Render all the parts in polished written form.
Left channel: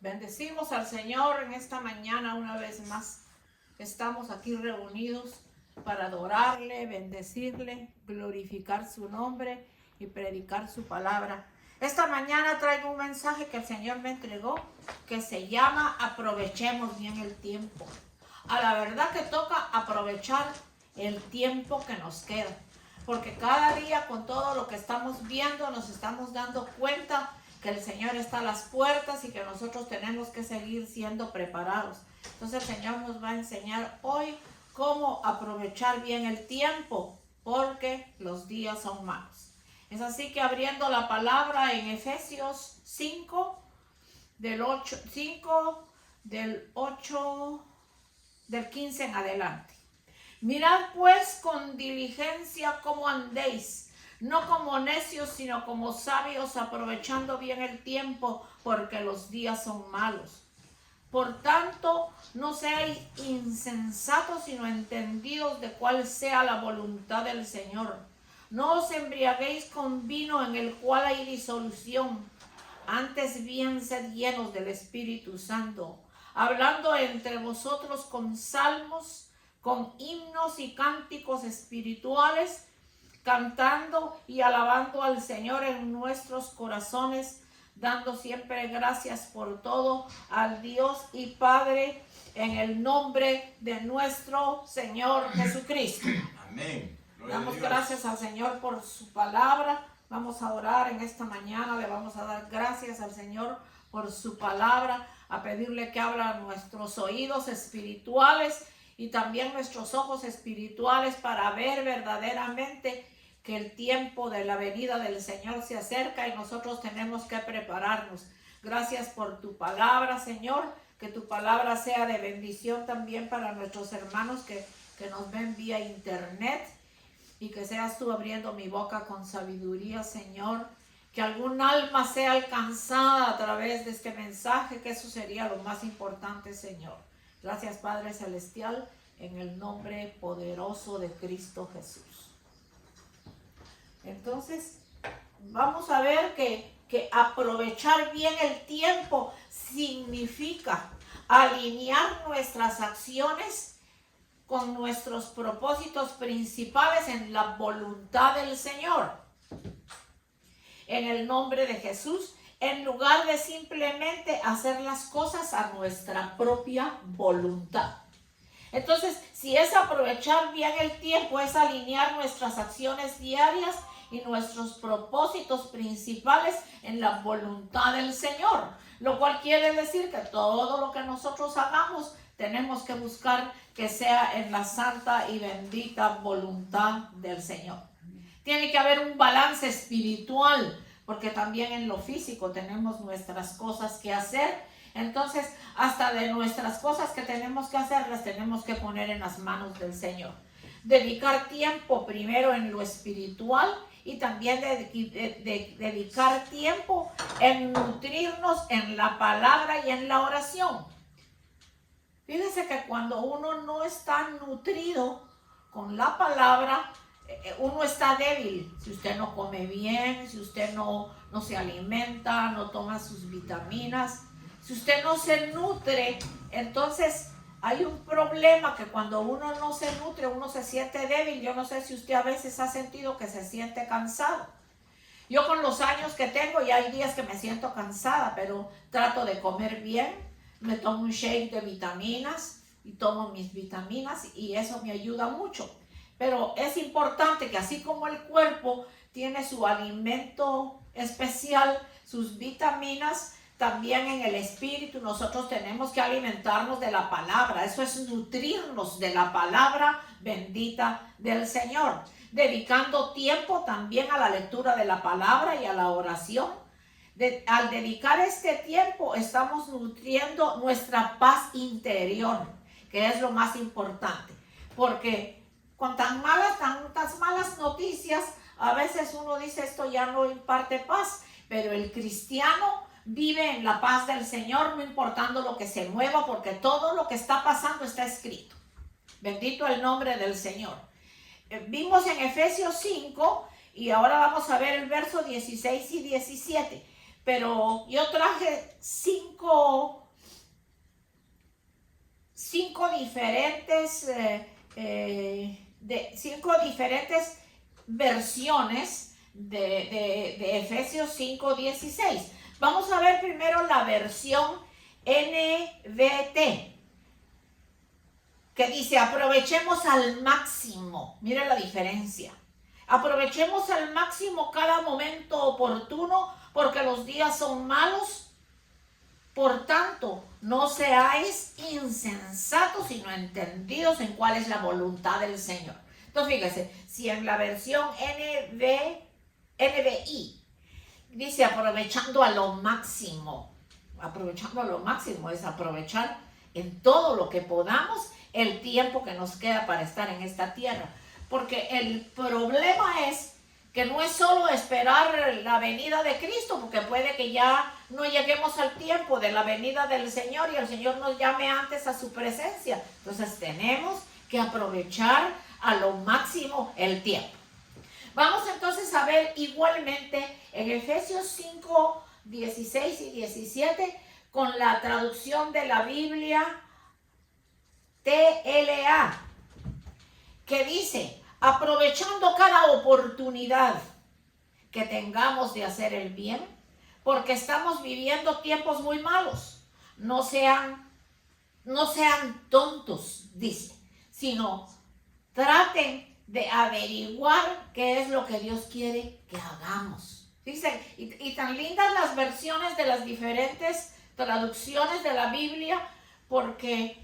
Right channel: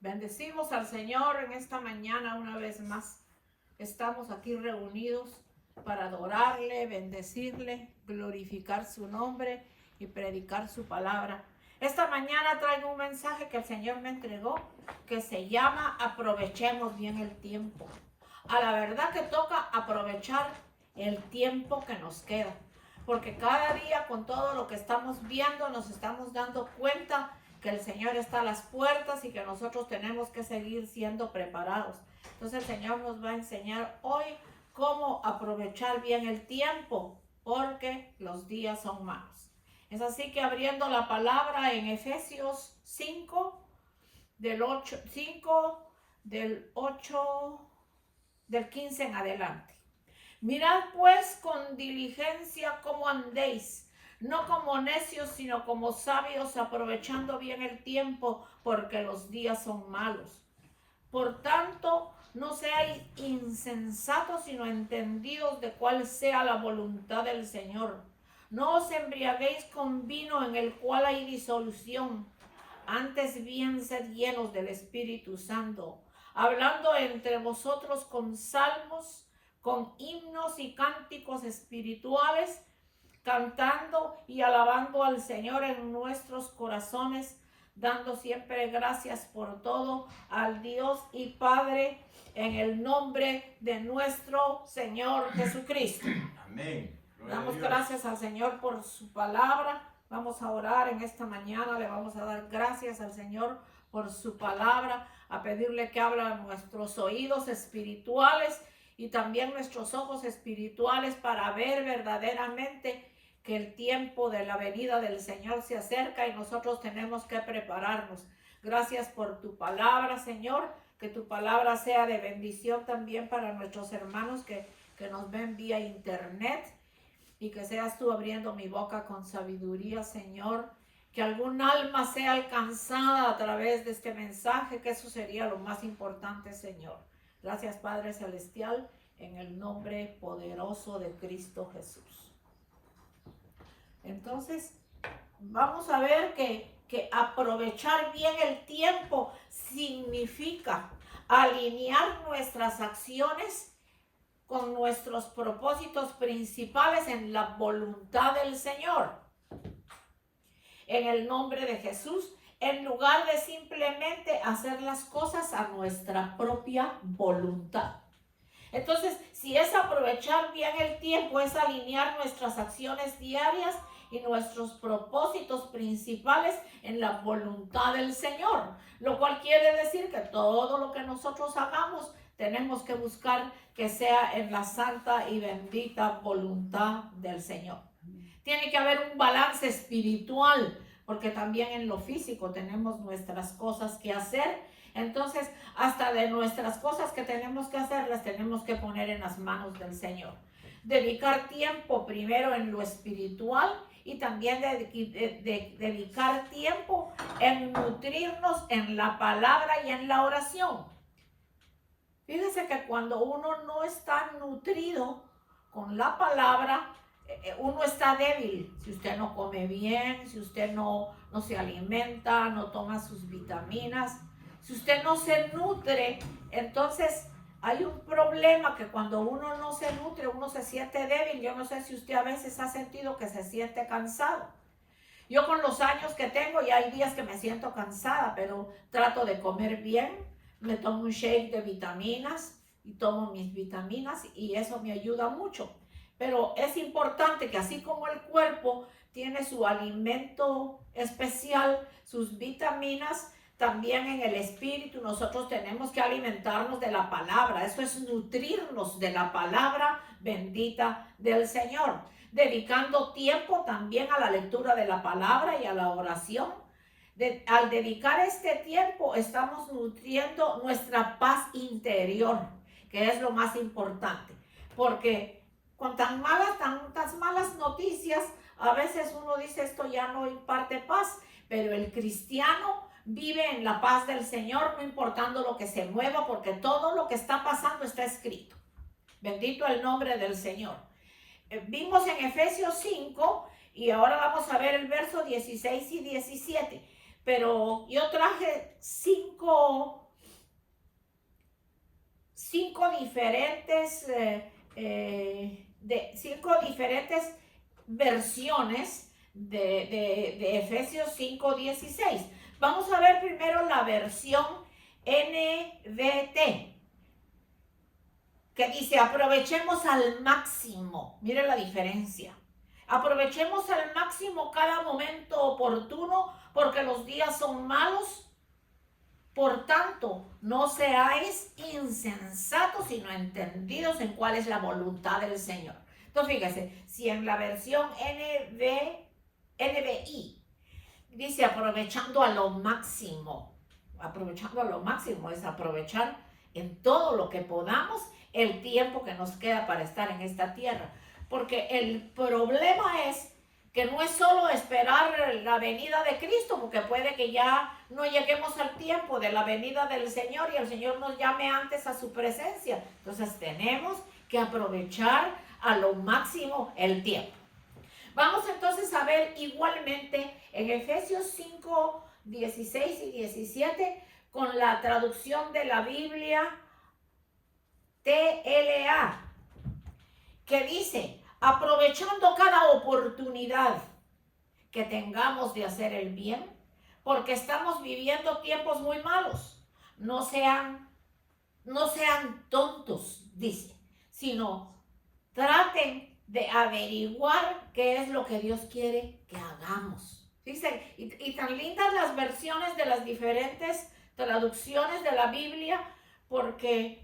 Bendecimos al Señor en esta mañana una vez más. Estamos aquí reunidos para adorarle, bendecirle, glorificar su nombre y predicar su palabra. Esta mañana traigo un mensaje que el Señor me entregó que se llama aprovechemos bien el tiempo. A la verdad que toca aprovechar el tiempo que nos queda, porque cada día con todo lo que estamos viendo nos estamos dando cuenta que el Señor está a las puertas y que nosotros tenemos que seguir siendo preparados. Entonces el Señor nos va a enseñar hoy cómo aprovechar bien el tiempo, porque los días son malos. Es así que abriendo la palabra en Efesios 5, del 15 en adelante. Mirad pues con diligencia cómo andéis, no como necios, sino como sabios, aprovechando bien el tiempo, porque los días son malos. Por tanto, no seáis insensatos, sino entendidos de cuál sea la voluntad del Señor. No os embriaguéis con vino en el cual hay disolución, antes bien sed llenos del Espíritu Santo, hablando entre vosotros con salmos, con himnos y cánticos espirituales, cantando y alabando al Señor en nuestros corazones, dando siempre gracias por todo al Dios y Padre, en el nombre de nuestro Señor Jesucristo. Amén. Damos gracias al Señor por su palabra. Vamos a orar en esta mañana. Le vamos a dar gracias al Señor por su palabra, a pedirle que abra nuestros oídos espirituales y también nuestros ojos espirituales para ver verdaderamente que el tiempo de la venida del Señor se acerca y nosotros tenemos que prepararnos. Gracias por tu palabra, Señor, que tu palabra sea de bendición también para nuestros hermanos que nos ven vía internet, y que seas tú abriendo mi boca con sabiduría, Señor, que algún alma sea alcanzada a través de este mensaje, que eso sería lo más importante, Señor. Gracias, Padre Celestial, en el nombre poderoso de Cristo Jesús. Entonces, vamos a ver que aprovechar bien el tiempo significa alinear nuestras acciones con nuestros propósitos principales en la voluntad del Señor. En el nombre de Jesús, en lugar de simplemente hacer las cosas a nuestra propia voluntad. Entonces, si es aprovechar bien el tiempo, es alinear nuestras acciones diarias y nuestros propósitos principales en la voluntad del Señor, lo cual quiere decir que todo lo que nosotros hagamos tenemos que buscar que sea en la santa y bendita voluntad del Señor. Tiene que haber un balance espiritual, porque también en lo físico tenemos nuestras cosas que hacer. Entonces, hasta de nuestras cosas que tenemos que hacer, las tenemos que poner en las manos del Señor. Dedicar tiempo primero en lo espiritual y también dedicar tiempo en nutrirnos en la palabra y en la oración. Fíjese que cuando uno no está nutrido con la palabra, uno está débil. Si usted no come bien, si usted no se alimenta, no toma sus vitaminas, si usted no se nutre, entonces hay un problema que cuando uno no se nutre, uno se siente débil. Yo no sé si usted a veces ha sentido que se siente cansado. Yo con los años que tengo, ya hay días que me siento cansada, pero trato de comer bien. Me tomo un shake de vitaminas y tomo mis vitaminas y eso me ayuda mucho. Pero es importante que así como el cuerpo tiene su alimento especial, sus vitaminas, también en el espíritu nosotros tenemos que alimentarnos de la palabra. Eso es nutrirnos de la palabra bendita del Señor, dedicando tiempo también a la lectura de la palabra y a la oración. Al dedicar este tiempo estamos nutriendo nuestra paz interior, que es lo más importante, porque con tantas malas noticias, a veces uno dice esto ya no imparte paz, pero el cristiano vive en la paz del Señor, no importando lo que se mueva, porque todo lo que está pasando está escrito. Bendito el nombre del Señor. Vimos en Efesios 5 y ahora vamos a ver el verso 16 y 17. Pero yo traje 5 diferentes, cinco diferentes versiones de Efesios 5:16. Vamos a ver primero la versión NVT, que dice: aprovechemos al máximo. Mire la diferencia. Aprovechemos al máximo cada momento oportuno, porque los días son malos. Por tanto, no seáis insensatos, sino entendidos en cuál es la voluntad del Señor. Entonces, fíjese, si en la versión NBI dice aprovechando a lo máximo es aprovechar en todo lo que podamos el tiempo que nos queda para estar en esta tierra. Porque el problema es que no es solo esperar la venida de Cristo, porque puede que ya no lleguemos al tiempo de la venida del Señor y el Señor nos llame antes a su presencia. Entonces tenemos que aprovechar a lo máximo el tiempo. Vamos entonces a ver igualmente en Efesios 5, 16 y 17 con la traducción de la Biblia TLA, que dice: aprovechando cada oportunidad que tengamos de hacer el bien, porque estamos viviendo tiempos muy malos. No sean tontos, dice, sino traten de averiguar qué es lo que Dios quiere que hagamos. Dice, y tan lindas las versiones de las diferentes traducciones de la Biblia, porque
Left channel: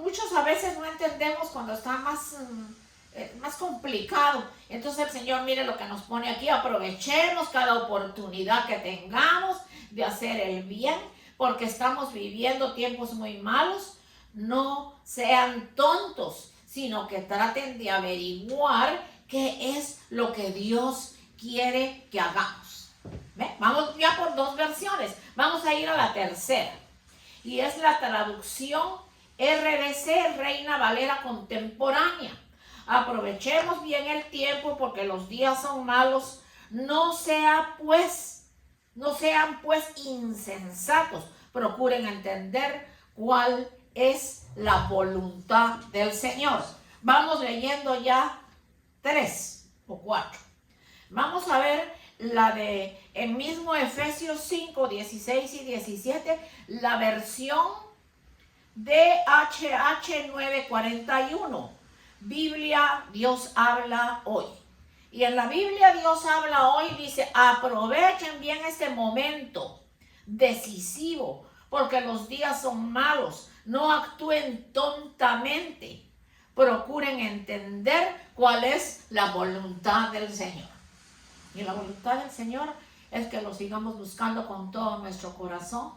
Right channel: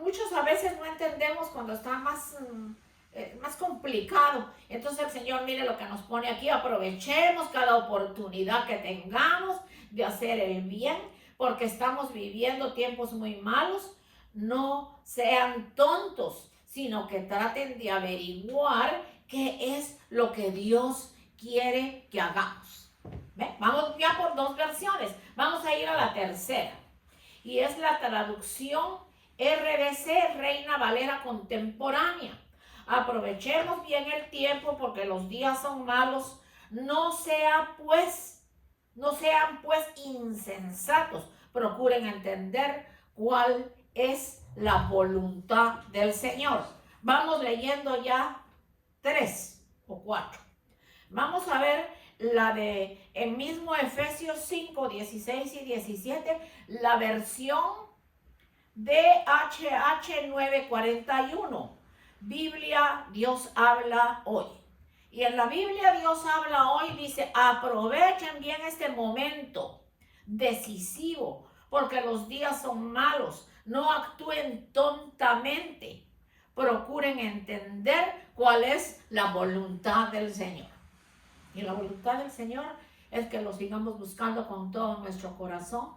muchos a veces no entendemos cuando está más complicado. Entonces el Señor, mire lo que nos pone aquí: aprovechemos cada oportunidad que tengamos de hacer el bien, porque estamos viviendo tiempos muy malos. No sean tontos, sino que traten de averiguar qué es lo que Dios quiere que hagamos. ¿Ve? Vamos ya por dos versiones. Vamos a ir a la tercera, y es la traducción RBC, Reina Valera Contemporánea. Aprovechemos bien el tiempo, porque los días son malos. No sean pues insensatos. Procuren entender cuál es la voluntad del Señor. Vamos leyendo ya 3 o 4. Vamos a ver la de el mismo Efesios 5, 16 y 17, la versión DHH 941. Biblia Dios habla hoy. Y en la Biblia Dios habla hoy dice: aprovechen bien este momento decisivo, porque los días son malos. No actúen tontamente. Procuren entender cuál es la voluntad del Señor. Y la voluntad del Señor es que lo sigamos buscando con todo nuestro corazón,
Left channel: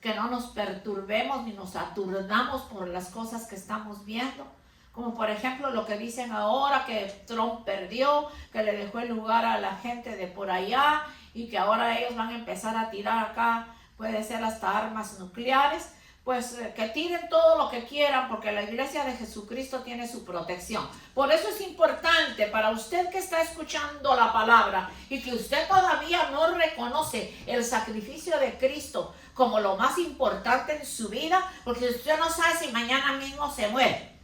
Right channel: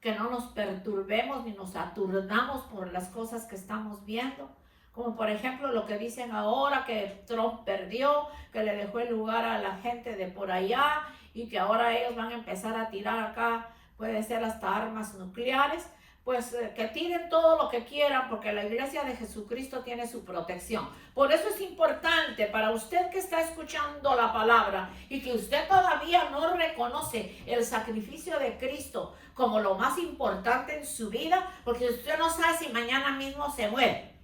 que no nos perturbemos ni nos aturdamos por las cosas que estamos viendo. Como por ejemplo lo que dicen ahora, que Trump perdió, que le dejó el lugar a la gente de por allá, y que ahora ellos van a empezar a tirar acá, puede ser hasta armas nucleares. Pues que tiren todo lo que quieran, porque la iglesia de Jesucristo tiene su protección. Por eso es importante para usted que está escuchando la palabra y que usted todavía no reconoce el sacrificio de Cristo como lo más importante en su vida, porque usted no sabe si mañana mismo se muere.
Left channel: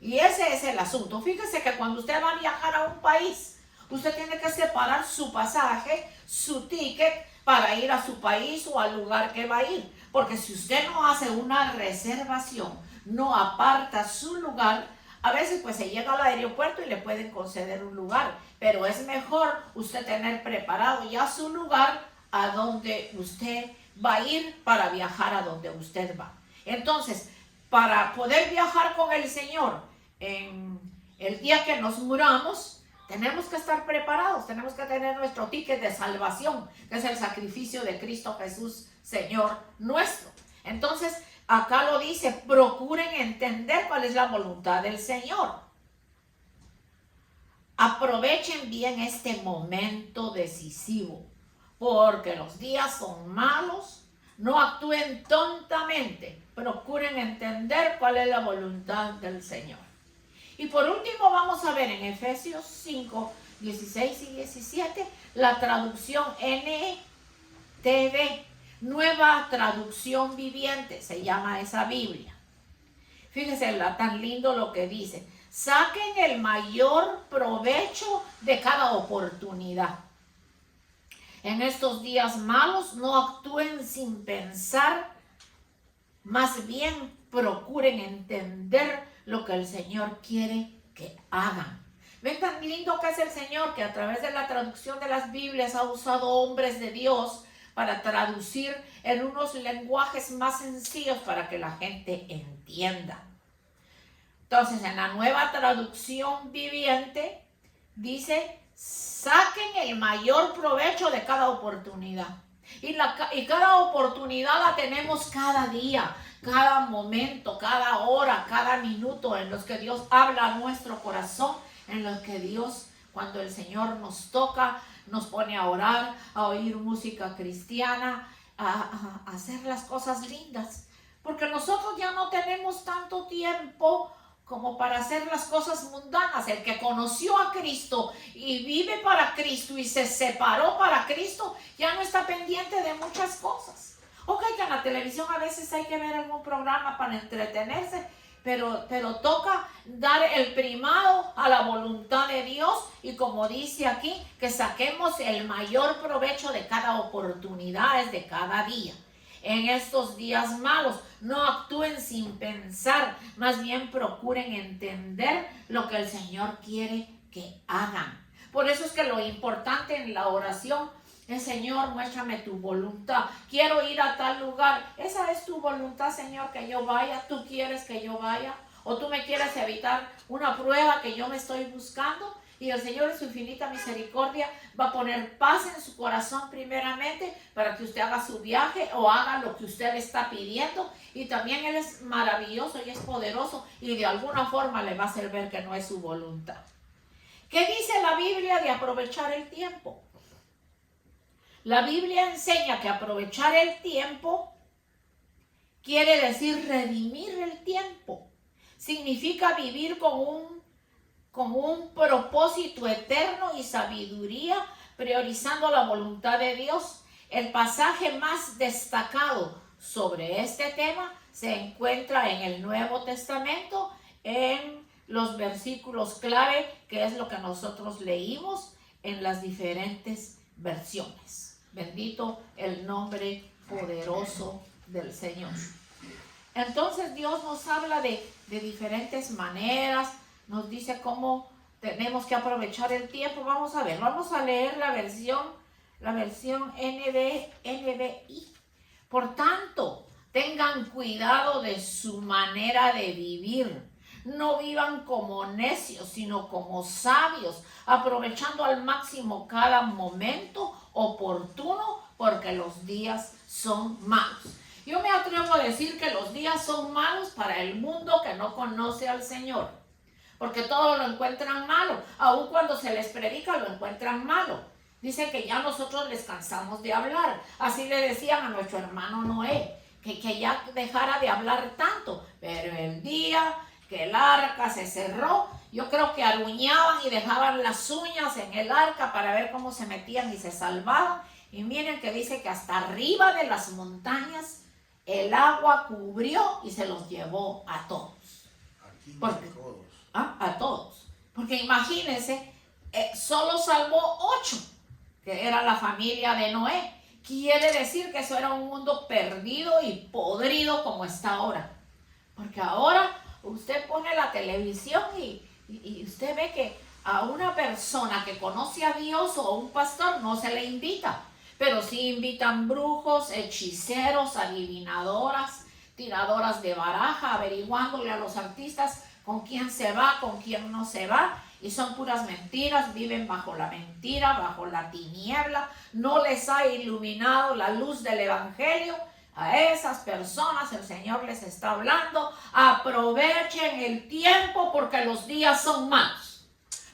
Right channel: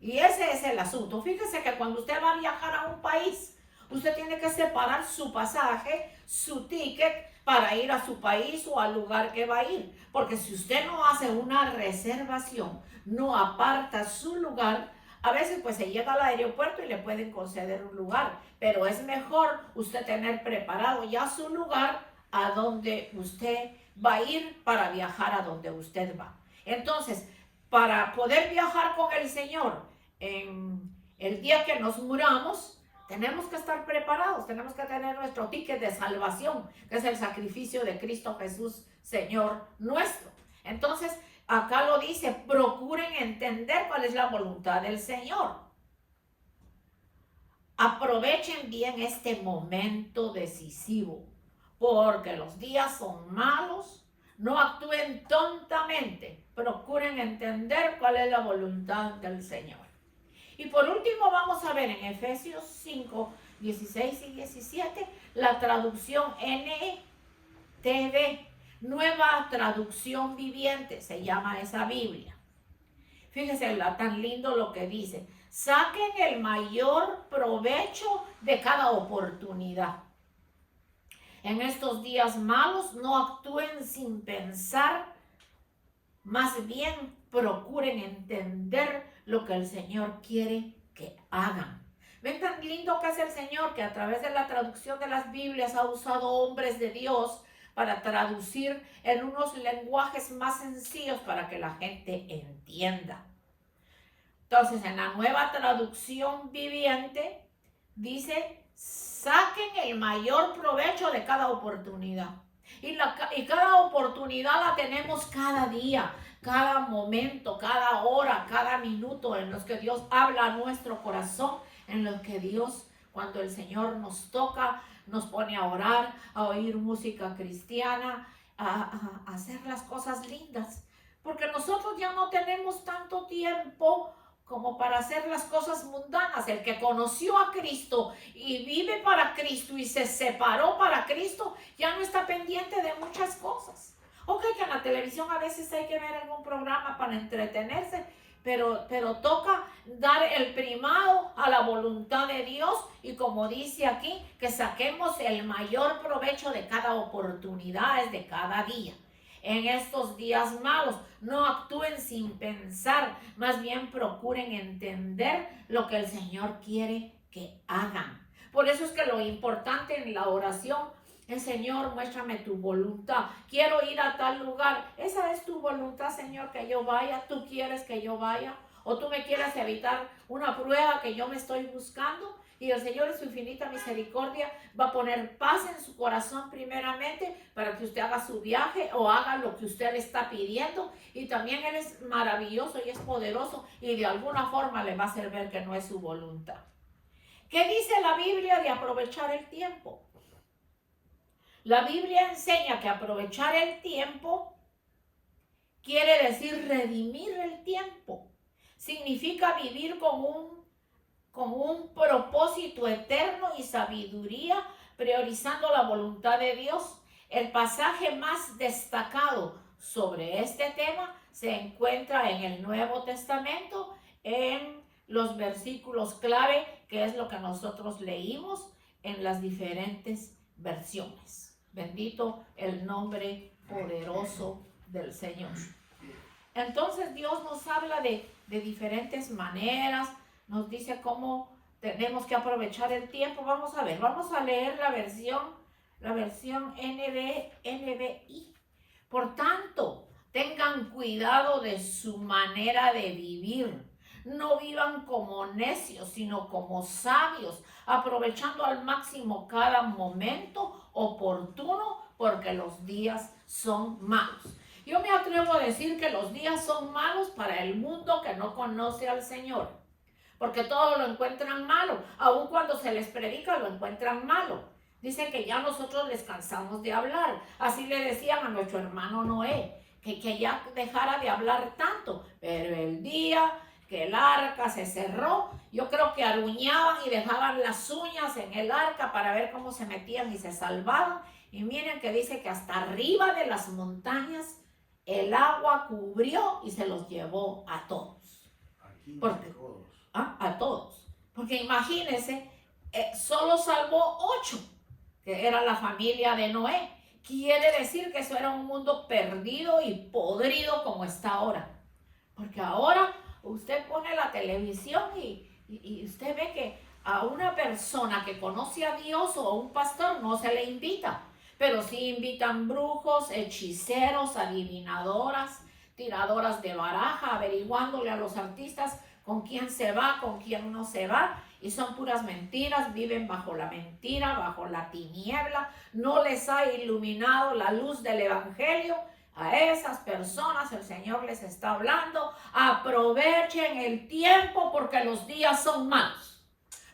Y ese es el asunto. Fíjese que cuando usted va a viajar a un país, usted tiene que separar su pasaje, su ticket, para ir a su país o al lugar que va a ir. Porque si usted no hace una reservación, no aparta su lugar, a veces pues se llega al aeropuerto y le pueden conceder un lugar. Pero es mejor usted tener preparado ya su lugar a donde usted va a ir para viajar a donde usted va. Entonces, para poder viajar con el Señor en el día que nos muramos, tenemos que estar preparados, tenemos que tener nuestro ticket de salvación, que es el sacrificio de Cristo Jesús, Señor nuestro. Entonces, acá lo dice: procuren entender cuál es la voluntad del Señor. Aprovechen bien este momento decisivo, porque los días son malos. No actúen tontamente, procuren entender cuál es la voluntad del Señor. Y por último vamos a ver en Efesios 5, 16 y 17 la traducción NTV, Nueva Traducción Viviente, se llama esa Biblia. Fíjense tan lindo lo que dice. Saquen el mayor provecho de cada oportunidad. En estos días malos no actúen sin pensar, más bien procuren entender lo que el Señor quiere que hagan. Ven tan lindo que es el Señor, que a través de la traducción de las Biblias ha usado hombres de Dios para traducir en unos lenguajes más sencillos para que la gente entienda. Entonces, en la nueva traducción viviente dice: saquen el mayor provecho de cada oportunidad. Y cada oportunidad la tenemos cada día, cada momento, cada hora, cada minuto en los que Dios habla a nuestro corazón, en los que Dios, cuando el Señor nos toca, nos pone a orar, a oír música cristiana, a hacer las cosas lindas. Porque nosotros ya no tenemos tanto tiempo como para hacer las cosas mundanas. El que conoció a Cristo y vive para Cristo y se separó para Cristo, ya no está pendiente de muchas cosas. Ok, que en la televisión a veces hay que ver algún programa para entretenerse, pero toca dar el primado a la voluntad de Dios, y como dice aquí, que saquemos el mayor provecho de cada oportunidad, de cada día. En estos días malos, no actúen sin pensar, más bien procuren entender lo que el Señor quiere que hagan. Por eso es que lo importante en la oración es: Señor, muéstrame tu voluntad. Quiero ir a tal lugar. Esa es tu voluntad, Señor, que yo vaya. ¿Tú quieres que yo vaya? ¿O tú me quieres evitar una prueba que yo me estoy buscando? Y el Señor, en su infinita misericordia, va a poner paz en su corazón primeramente para que usted haga su viaje o haga lo que usted le está pidiendo. Y también Él es maravilloso y es poderoso, y de alguna forma le va a hacer ver que no es su voluntad. ¿Qué dice la Biblia de aprovechar el tiempo? La Biblia enseña que aprovechar el tiempo quiere decir redimir el tiempo. Significa vivir con un propósito eterno y sabiduría, priorizando la voluntad de Dios. El pasaje más destacado sobre este tema se encuentra en el Nuevo Testamento, en los versículos clave, que es lo que nosotros leímos en las diferentes versiones. Bendito el nombre poderoso del Señor. Entonces Dios nos habla de diferentes maneras, nos dice cómo tenemos que aprovechar el tiempo. Vamos a ver, vamos a leer la versión NBI. Por tanto, tengan cuidado de su manera de vivir. No vivan como necios, sino como sabios, aprovechando al máximo cada momento oportuno, porque los días son malos. Yo me atrevo a decir que los días son malos para el mundo que no conoce al Señor, porque todo lo encuentran malo. Aun cuando se les predica, lo encuentran malo. Dicen que ya nosotros les cansamos de hablar. Así le decían a nuestro hermano Noé, que ya dejara de hablar tanto. Pero el día que el arca se cerró, yo creo que aruñaban y dejaban las uñas en el arca para ver cómo se metían y se salvaban. Y miren que dice que hasta arriba de las montañas el agua cubrió y se los llevó a todos. A todos. Porque imagínense, solo salvó 8, que era la familia de Noé. Quiere decir que eso era un mundo perdido y podrido como está ahora. Porque ahora usted pone la televisión y usted ve que a una persona que conoce a Dios o a un pastor no se le invita. Pero sí invitan brujos, hechiceros, adivinadoras, tiradoras de baraja, averiguándole a los artistas con quién se va, con quién no se va. Y son puras mentiras, viven bajo la mentira, bajo la tiniebla. No les ha iluminado la luz del evangelio. A esas personas el Señor les está hablando: aprovechen el tiempo porque los días son malos.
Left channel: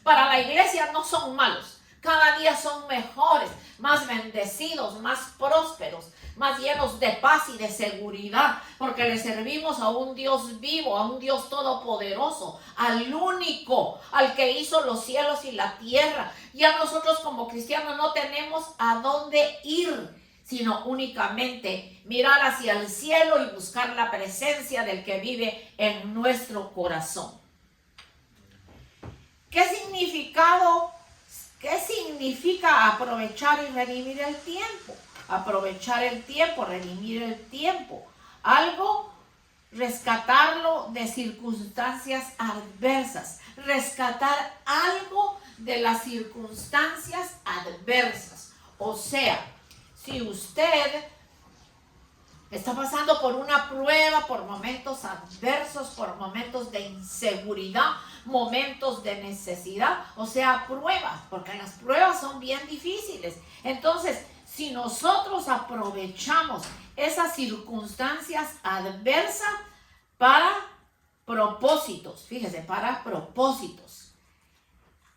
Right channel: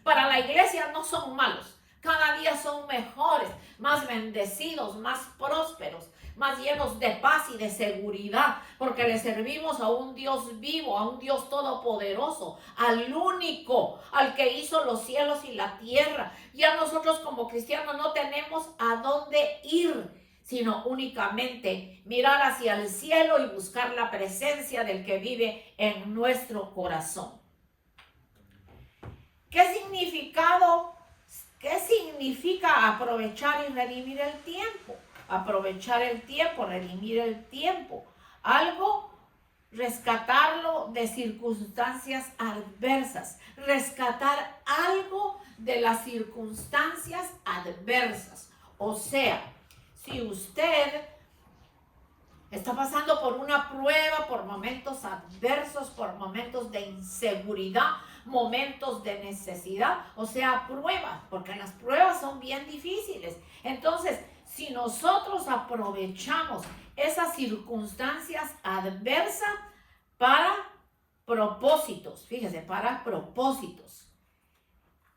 Para la iglesia no son malos. Cada día son mejores, más bendecidos, más prósperos, más llenos de paz y de seguridad, porque le servimos a un Dios vivo, a un Dios todopoderoso, al único, al que hizo los cielos y la tierra. Ya nosotros como cristianos no tenemos a dónde ir, sino únicamente mirar hacia el cielo y buscar la presencia del que vive en nuestro corazón. ¿Qué significa aprovechar y redimir el tiempo? Aprovechar el tiempo, redimir el tiempo. Algo, rescatarlo de circunstancias adversas. Rescatar algo de las circunstancias adversas. O sea, si usted está pasando por una prueba, por momentos adversos, por momentos de inseguridad, momentos de necesidad, o sea, pruebas, porque las pruebas son bien difíciles. Entonces, si nosotros aprovechamos esas circunstancias adversas para propósitos, fíjese, para propósitos.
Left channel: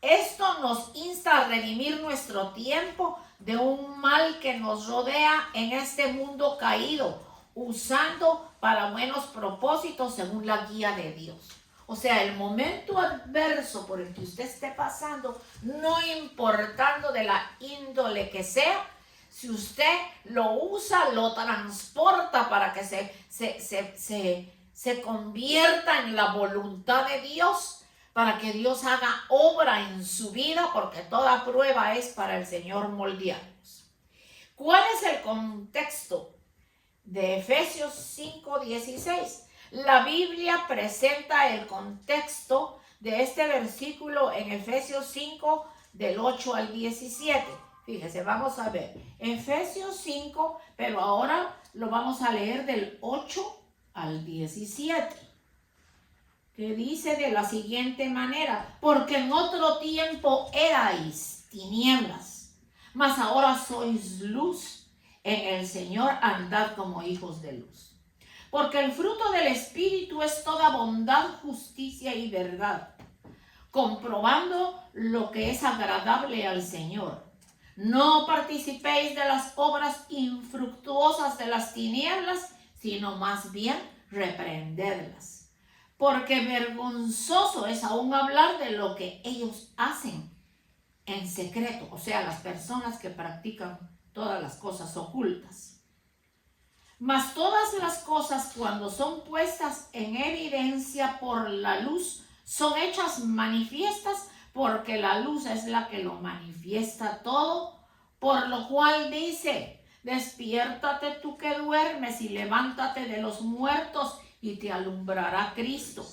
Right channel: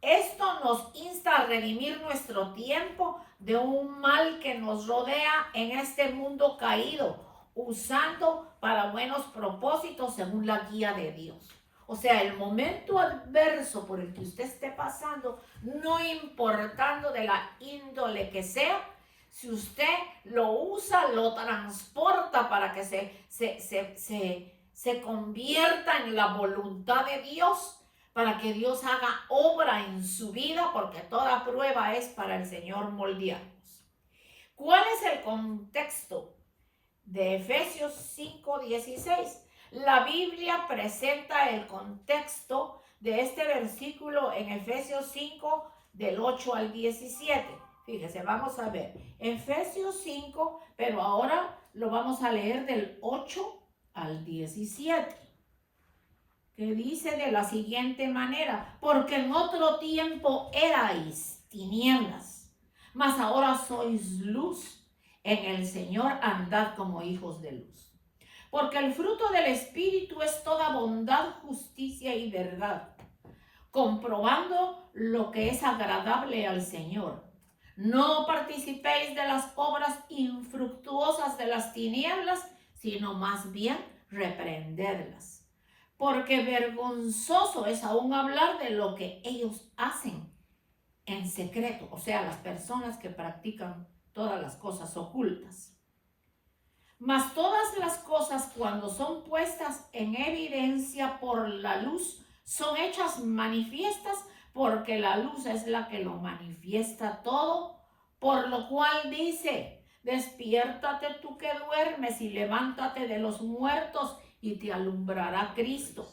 Esto nos insta a redimir nuestro tiempo de un mal que nos rodea en este mundo caído, usando para buenos propósitos según la guía de Dios. O sea, el momento adverso por el que usted esté pasando, no importando de la índole que sea, si usted lo usa, lo transporta para que se convierta en la voluntad de Dios, para que Dios haga obra en su vida, porque toda prueba es para el Señor moldearnos. ¿Cuál es el contexto de Efesios 5:16? La Biblia presenta el contexto de este versículo en Efesios 5, del 8 al 17. Fíjese, vamos a ver. Efesios 5, pero ahora lo vamos a leer del 8 al 17. Que dice de la siguiente manera: porque en otro tiempo erais tinieblas, mas ahora sois luz, en el Señor andad como hijos de luz. Porque el fruto del Espíritu es toda bondad, justicia y verdad, comprobando lo que es agradable al Señor. No participéis de las obras infructuosas de las tinieblas, sino más bien reprendedlas. Porque vergonzoso es aún hablar de lo que ellos hacen en secreto, o sea, las personas que practican todas las cosas ocultas. Mas todas las cosas, cuando son puestas en evidencia por la luz, son hechas manifiestas, porque la luz es la que lo manifiesta todo, por lo cual dice: despiértate tú que duermes y levántate de los muertos y te alumbrará Cristo.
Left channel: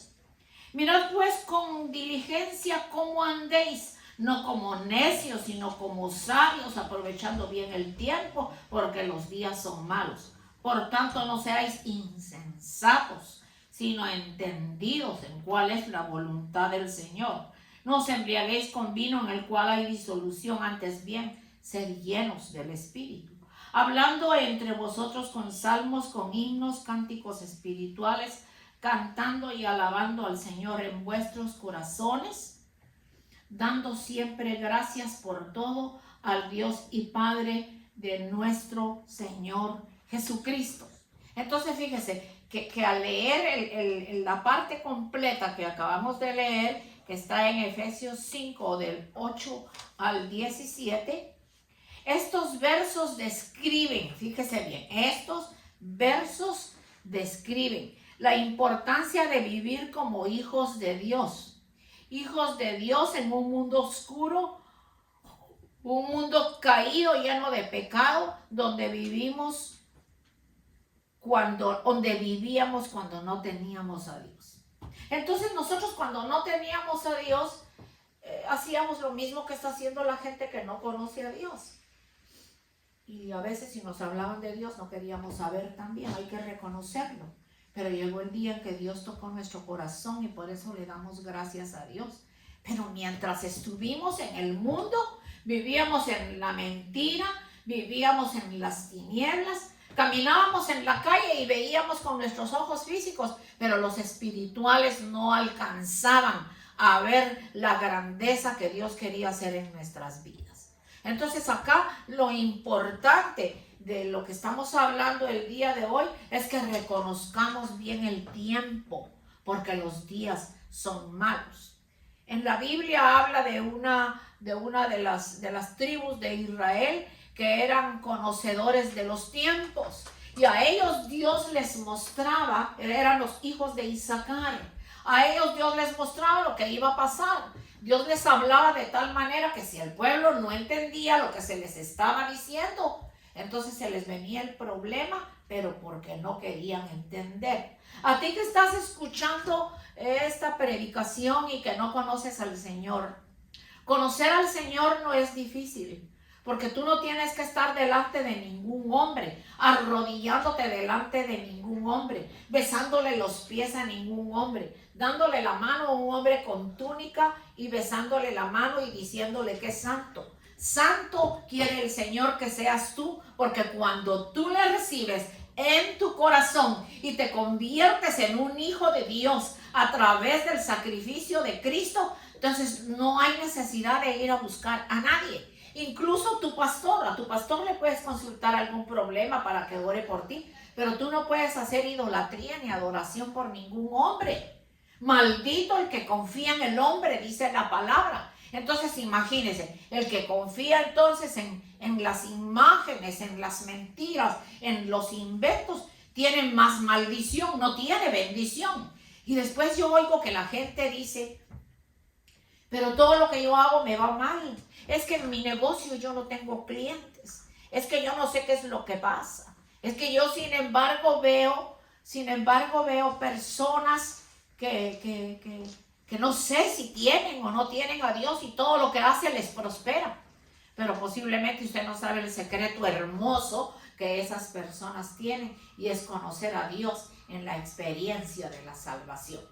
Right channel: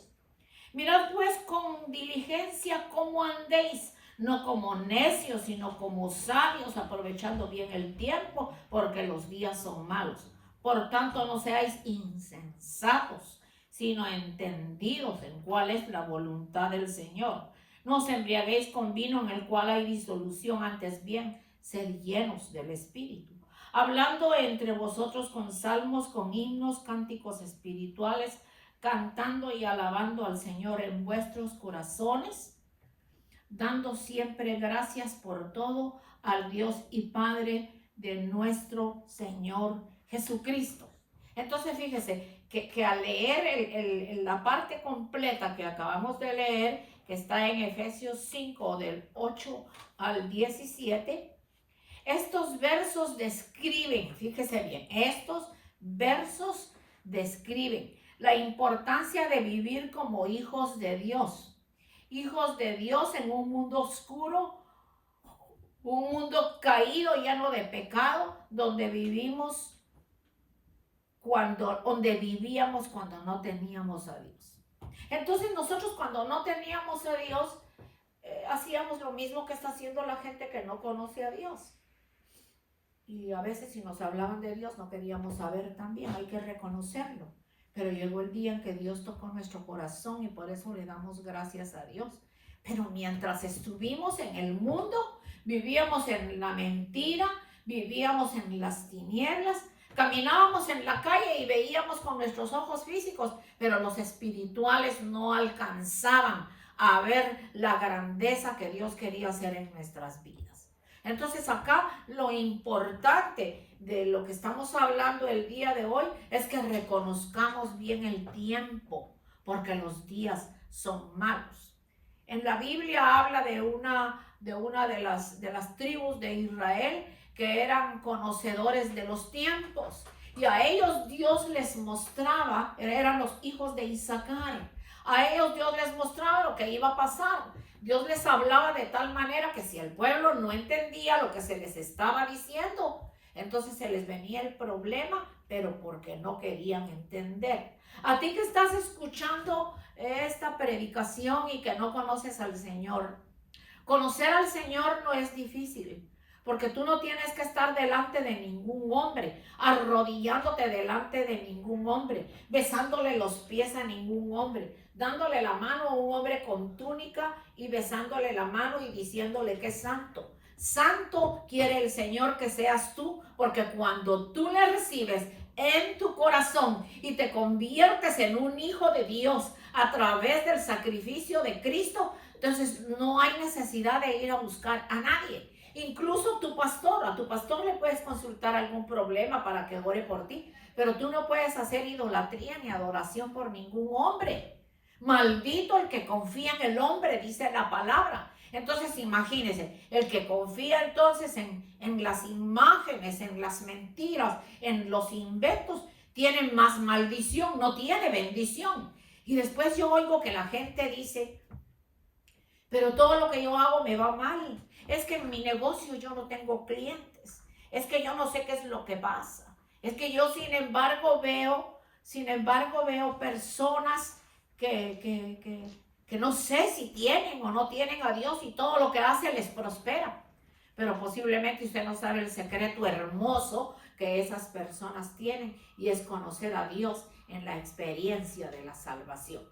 Mirad pues con diligencia cómo andéis, no como necios, sino como sabios, aprovechando bien el tiempo, porque los días son malos. Por tanto, no seáis insensatos, sino entendidos en cuál es la voluntad del Señor. No os embriaguéis con vino en el cual hay disolución, antes bien, sed llenos del Espíritu, hablando entre vosotros con salmos, con himnos, cánticos espirituales, cantando y alabando al Señor en vuestros corazones, dando siempre gracias por todo al Dios y Padre de nuestro Señor Jesucristo. Entonces fíjese que al leer la parte completa que acabamos de leer, que está en Efesios 5 del 8 al 17, estos versos describen, fíjese bien, estos versos describen la importancia de vivir como hijos de Dios. Hijos de Dios en un mundo oscuro, un mundo caído, lleno de pecado, donde vivíamos cuando no teníamos a Dios. Entonces nosotros, cuando no teníamos a Dios, hacíamos lo mismo que está haciendo la gente que no conoce a Dios. Y a veces, si nos hablaban de Dios, no queríamos saber también, hay que reconocerlo. Pero llegó el día en que Dios tocó nuestro corazón y por eso le damos gracias a Dios. Pero mientras estuvimos en el mundo, vivíamos en la mentira, vivíamos en las tinieblas, caminábamos en la calle y veíamos con nuestros ojos físicos, pero los espirituales no alcanzaban a ver la grandeza que Dios quería hacer en nuestras vidas. Entonces acá lo importante de lo que estamos hablando el día de hoy es que reconozcamos bien el tiempo, porque los días son malos. En la Biblia habla de una de las tribus de Israel que eran conocedores de los tiempos. Y a ellos Dios les mostraba, eran los hijos de Isaacar. A ellos Dios les mostraba lo que iba a pasar. Dios les hablaba de tal manera que si el pueblo no entendía lo que se les estaba diciendo, entonces se les venía el problema, pero porque no querían entender. A ti que estás escuchando esta predicación y que no conoces al Señor, conocer al Señor no es difícil, porque tú no tienes que estar delante de ningún hombre, arrodillándote delante de ningún hombre, besándole los pies a ningún hombre, dándole la mano a un hombre con túnica y besándole la mano y diciéndole que es santo. Santo quiere el Señor que seas tú, porque cuando tú le recibes en tu corazón y te conviertes en un hijo de Dios a través del sacrificio de Cristo, entonces no hay necesidad de ir a buscar a nadie. Incluso a tu pastor le puedes consultar algún problema para que ore por ti, pero tú no puedes hacer idolatría ni adoración por ningún hombre. Maldito el que confía en el hombre, dice la palabra. Entonces imagínense, el que confía entonces en las imágenes, en las mentiras, en los inventos, tiene más maldición, no tiene bendición. Y después yo oigo que la gente dice, pero todo lo que yo hago me va mal. Es que en mi negocio yo no tengo clientes. Es que yo no sé qué es lo que pasa. Es que yo sin embargo veo personas que no sé si tienen o no tienen a Dios y todo lo que hace les prospera. Pero posiblemente usted no sabe el secreto hermoso que esas personas tienen, y es conocer a Dios en la experiencia de la salvación.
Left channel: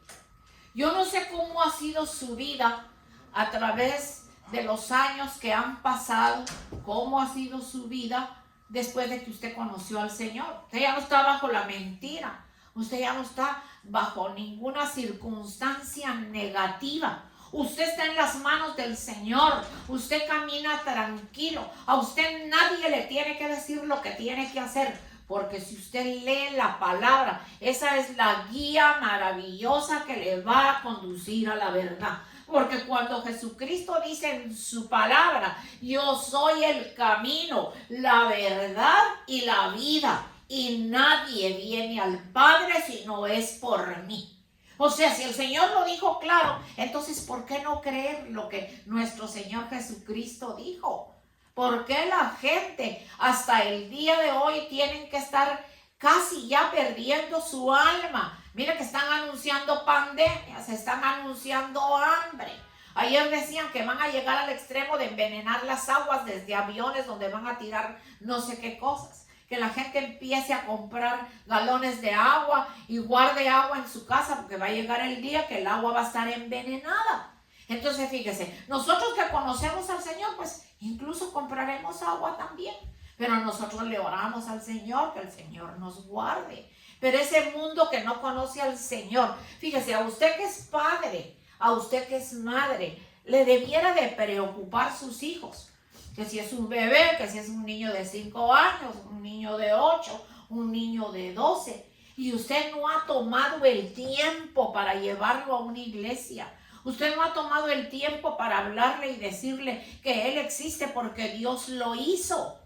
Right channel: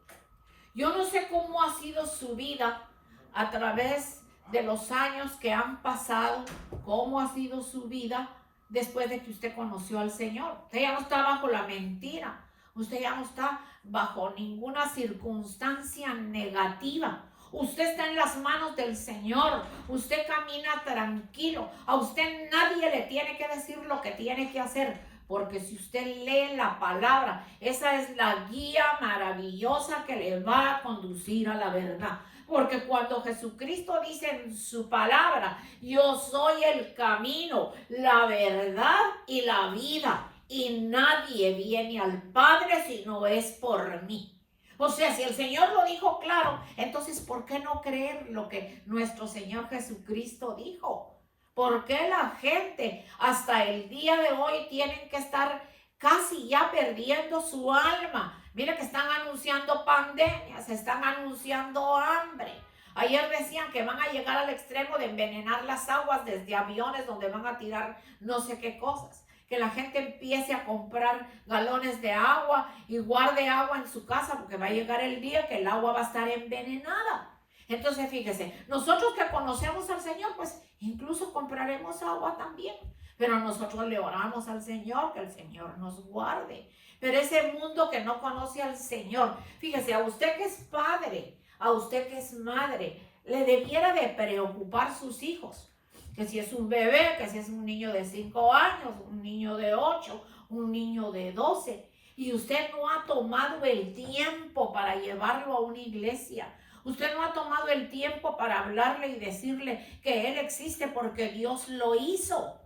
Yo no sé cómo ha sido su vida a través de los años que han pasado, cómo ha sido su vida después de que usted conoció al Señor. Usted ya no está bajo la mentira, usted ya no está bajo ninguna circunstancia negativa. Usted está en las manos del Señor, usted camina tranquilo, a usted nadie le tiene que decir lo que tiene que hacer, porque si usted lee la palabra, esa es la guía maravillosa que le va a conducir a la verdad. Porque cuando Jesucristo dice en su palabra, yo soy el camino, la verdad y la vida, y nadie viene al Padre si no es por mí. O sea, si el Señor lo dijo claro, entonces ¿por qué no creer lo que nuestro Señor Jesucristo dijo? ¿Por qué la gente hasta el día de hoy tienen que estar casi ya perdiendo su alma? Mira que están anunciando pandemias, están anunciando hambre. Ayer decían que van a llegar al extremo de envenenar las aguas desde aviones donde van a tirar no sé qué cosas. Que la gente empiece a comprar galones de agua y guarde agua en su casa, porque va a llegar el día que el agua va a estar envenenada. Entonces fíjese, nosotros que conocemos al Señor, pues incluso compraremos agua también, pero nosotros le oramos al Señor, que el Señor nos guarde. Pero ese mundo que no conoce al Señor, fíjese, a usted que es padre, a usted que es madre, le debiera de preocupar sus hijos. Que si es un bebé, que si es un niño de 5 años, un niño de 8, un niño de 12, y usted no ha tomado el tiempo para llevarlo a una iglesia. Usted no ha tomado el tiempo para hablarle y decirle que Él existe porque Dios lo hizo,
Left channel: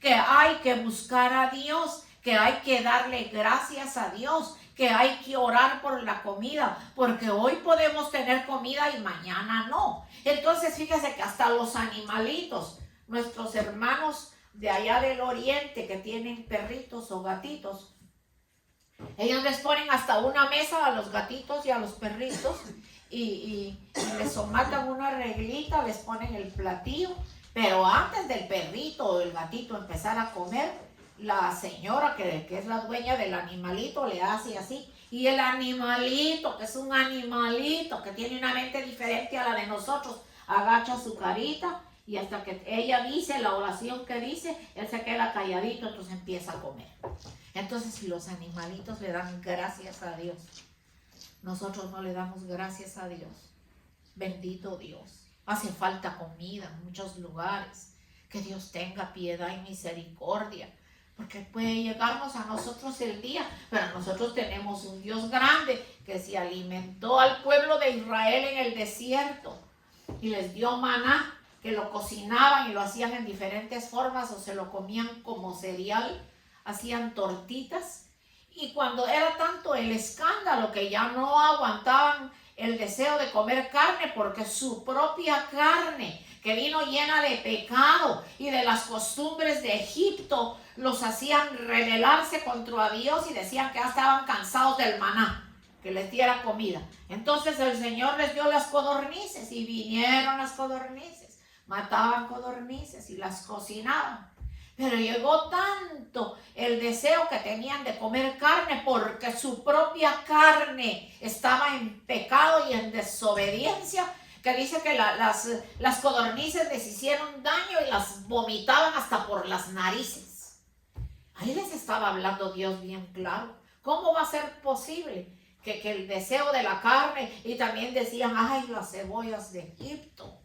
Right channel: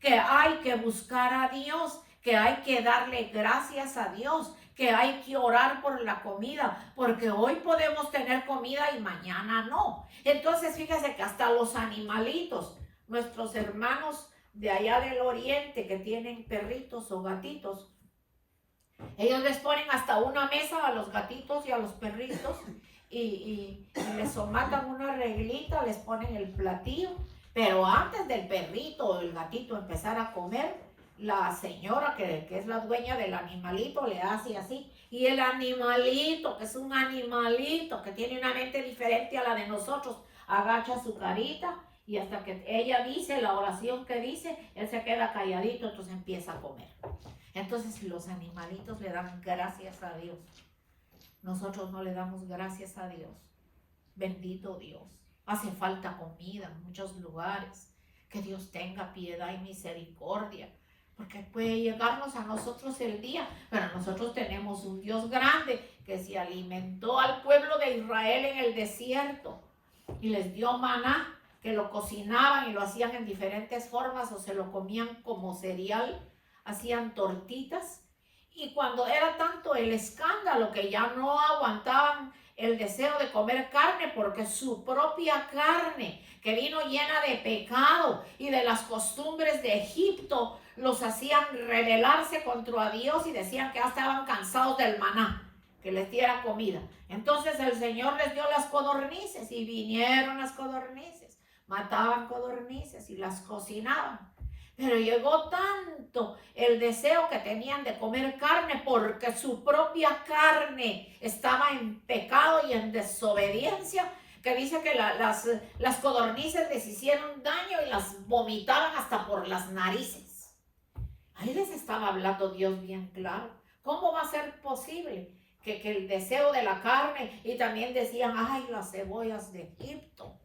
que hay que buscar a Dios, que hay que darle gracias a Dios, que hay que orar por la comida, porque hoy podemos tener comida y mañana no. Entonces fíjese que hasta los animalitos, nuestros hermanos de allá del oriente que tienen perritos o gatitos, ellos les ponen hasta una mesa a los gatitos y a los perritos y les somatan una reglita, les ponen el platillo, pero antes del perrito o del gatito empezar a comer, la señora que es la dueña del animalito le hace así, y el animalito, que es un animalito que tiene una mente diferente a la de nosotros, agacha su carita y hasta que ella dice la oración que dice, él se queda calladito, entonces empieza a comer. Entonces si los animalitos le dan gracias a Dios, nosotros no le damos gracias a Dios. Bendito Dios. Hace falta comida en muchos lugares. Que Dios tenga piedad y misericordia, porque puede llegarnos a nosotros el día, pero nosotros tenemos un Dios grande que se alimentó al pueblo de Israel en el desierto y les dio maná, que lo cocinaban y lo hacían en diferentes formas o se lo comían como cereal, hacían tortitas. Y cuando era tanto el escándalo que ya no aguantaban el deseo de comer carne, porque su propia carne, que vino llena de pecado y de las costumbres de Egipto, los hacían rebelarse contra Dios y decían que ya estaban cansados del maná, que les diera comida. Entonces el Señor les dio las codornices y vinieron las codornices, mataban codornices y las cocinaban. Pero llegó tanto el deseo que tenían de comer carne porque su propia carne estaba en pecado y en desobediencia, que dice que las codornices les hicieron daño y las vomitaban hasta por las narices. Ahí les estaba hablando Dios bien claro. ¿Cómo va a ser posible que el deseo de la carne? Y también decían, ay, las cebollas de Egipto.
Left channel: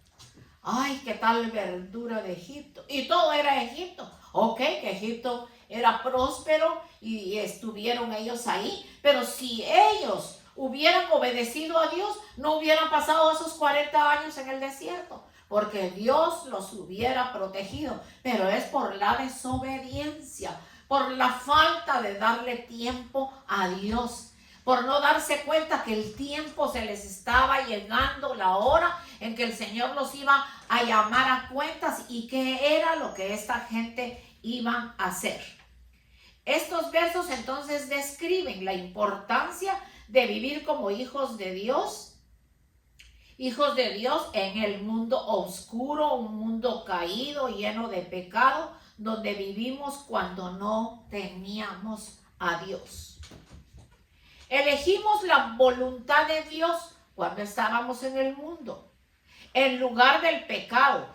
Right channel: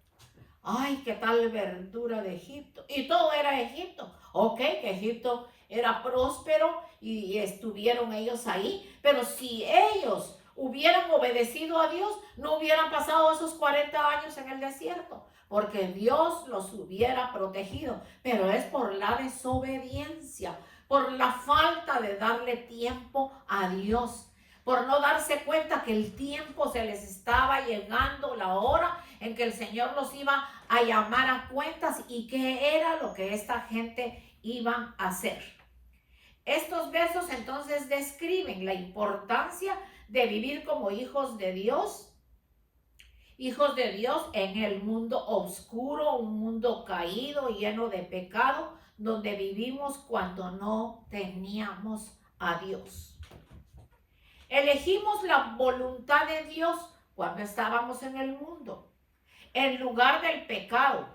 Ay, qué tal verdura de Egipto. Y todo era Egipto. Ok, que Egipto era próspero y estuvieron ellos ahí. Pero si ellos hubieran obedecido a Dios, no hubieran pasado esos 40 años en el desierto, porque Dios los hubiera protegido. Pero es por la desobediencia, por la falta de darle tiempo a Dios, por no darse cuenta que el tiempo se les estaba llegando, la hora en que el Señor los iba a llamar a cuentas y qué era lo que esta gente iba a hacer. Estos versos entonces describen la importancia de vivir como hijos de Dios en el mundo oscuro, un mundo caído, lleno de pecado, donde vivimos cuando no teníamos a Dios. Elegimos la voluntad de Dios cuando estábamos en el mundo, en lugar del pecado,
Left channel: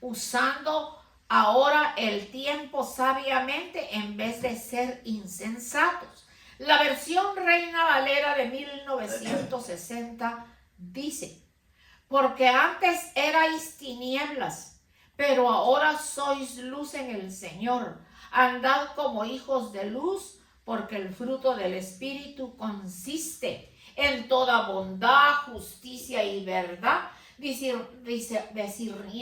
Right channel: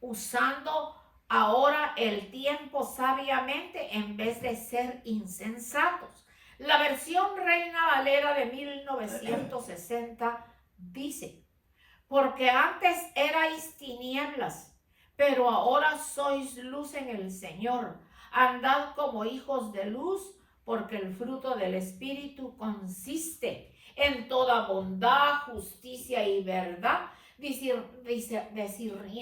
usando ahora el tiempo sabiamente en vez de ser insensatos. La versión Reina Valera de 1960 dice, porque antes erais tinieblas, pero ahora sois luz en el Señor. Andad como hijos de luz, porque el fruto del Espíritu consiste en toda bondad, justicia y verdad,